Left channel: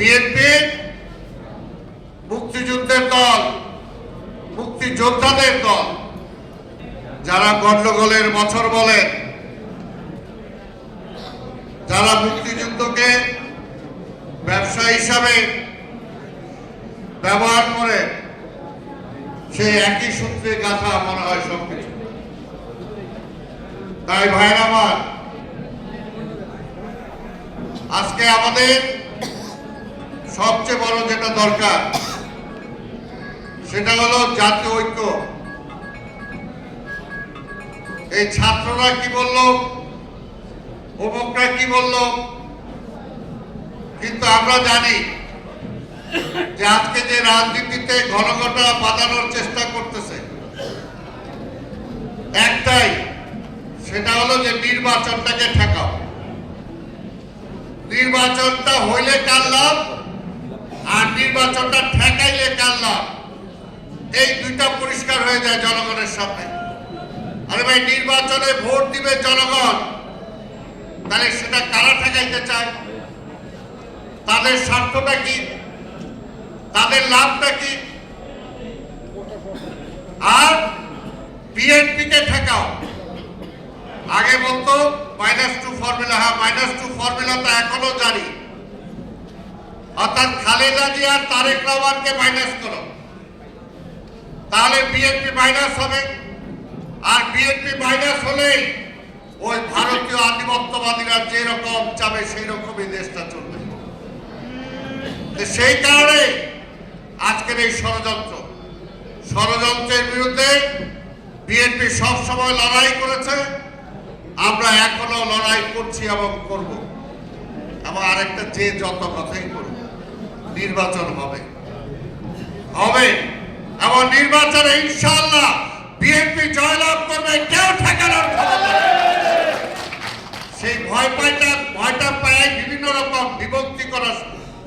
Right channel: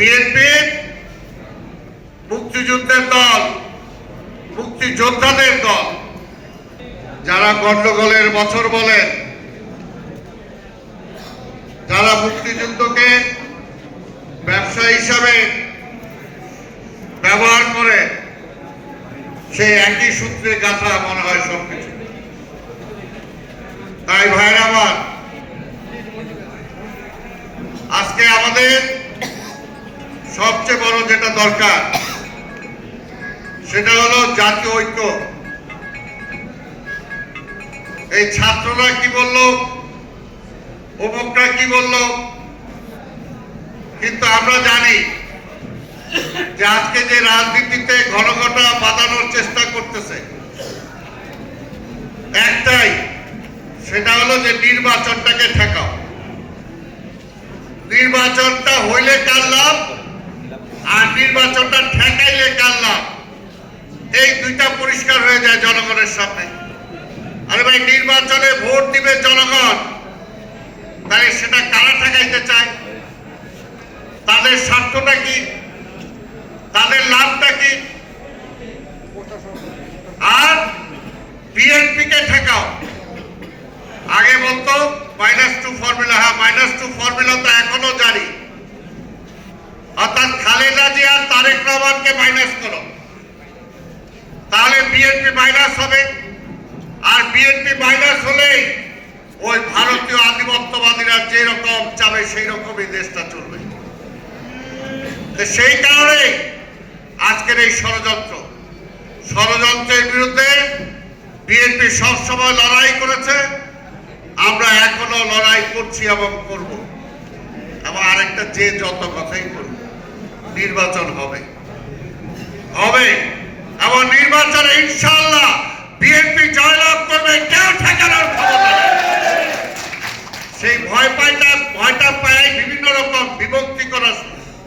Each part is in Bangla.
বিএনপি মুক্তিযুদ্ধের দল, মুক্তিযোদ্ধাদের দল। যারা গন্ডগোলের বছর বলেন, যারা মুক্তিযুদ্ধকে ব্যবসা হিসাবে ব্যবহার করে, সে একই সূত্রে গাথা মনে হয় সবকিছু। তাই ভাইরা আমার, আজকে আমাদের সবচেয়ে বড় যেটা দরকার সেটা হলো জাতীয় ঐক্য। এই ছাত্ররা কি বলল, অমুকরা কি বলল, কিন্তু আমরা জানি যে আজকে যে রাজনীতিতে ঘনঘটা বাঁধানোর চেষ্টা করতেছে একটাই, সেটা হলো যে নির্বাচনটাকে ঠেকাও। নির্বাচনটা হইলে কার লাভ আর নির্বাচনটা ঠেকাইলে কার লাভ, এই দুইটা পরিষ্কার হয়ে যায় জনগণের সামনে। আরে ভাই, নির্বাচনে ভোট দিবে জনগণ, তাহলে সেটা কারা ঠেকাইতে চায়, তাদের স্বার্থটা কি, তাদের লাভটা কি? আর বিএনপি কে ঠেকাও। আগে বলতো -2 ফর্মুলা, হ্যাঁ -2 ফর্মুলা তো এখনো জারি, অর্থাৎ খালেদা জিয়া আর তারেক রহমানকে মাইনাস করো, তাহলে বিএনপি মাইনাস হবে। আর বিএনপি মাইনাস হলেই ওই ভারতীয় আধিপত্যবাদীরা যেরকম চাবে সেই রকমই দেশটা চলবে। সেই কারণে আজকের এই ষড়যন্ত্রের বিরুদ্ধে বিএনপি সবসময় লড়াই করেছে, আমরা এখনো লড়াই করছি এবং করব। এবং আরেকটা, যে যত কথাই করব, নির্বাচন হবে এবং নির্বাচনে ইনশাআল্লাহ বিএনপি জয়লাভ করবে, কেউ ঠেকানোর ক্ষমতা নেই। সেই ভয়টা পায় বিভিন্ন রকম বিভক্তি করার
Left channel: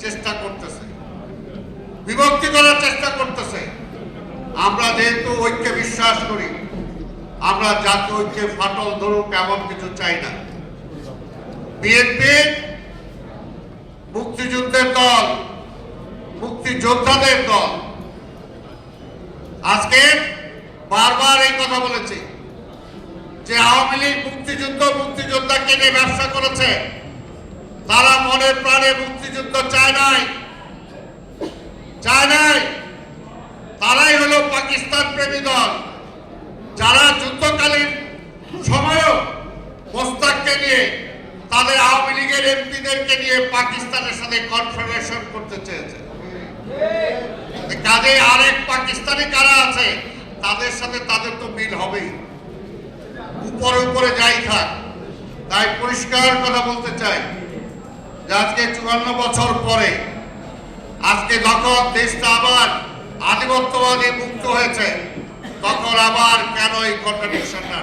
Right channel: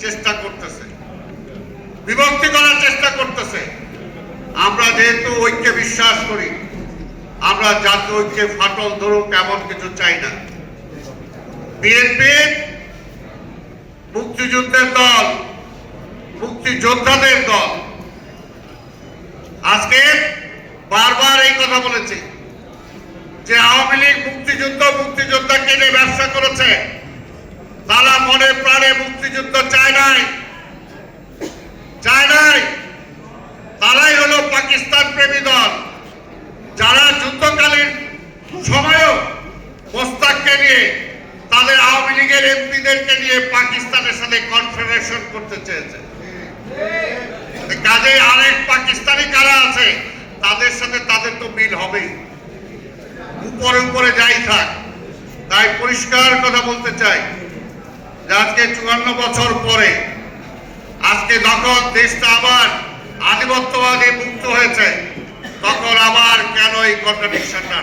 চেষ্টা করতেছে। আমরা যেহেতু ঐক্যে বিশ্বাস করি, আমরা জাতীয় ঐক্যে ফাটল ধরুক এমন কিছু চাই না। বিএনপি মুক্তিযুদ্ধের দল, মুক্তিযোদ্ধাদের দল। আজকে বারবার এই কথা বলেছি যে আওয়ামী লীগ মুক্তিযোদ্ধাকে নিয়ে ব্যবসা করেছে। তারা মনে প্রাণে মুক্তিযুদ্ধ চায় নাই। তারাই হলো পাকিস্তান প্রেমী দল, যারা যুদ্ধকালীন সময়ও মোস্তাককে নিয়ে, তাদের আওয়ামী লীগের এমপিদেরকে নিয়ে পাকিস্তানের সাথে কনফেডারেশন করতে চেয়েছে। কাজে আরেক পাকিস্তানি কারা আছে, তাদের সাথে তাদের তো মিল হবেই, উপরে যাই থাক। তাই পরিষ্কার কথা বলতে চাই যে আজকে 54 বছর পরে, আজকে যখন দেশটা আবার আধিপত্যবাদী মুক্ত হয়েছে, তখন আবার কেন এই কন্ট্রাডিকশনটা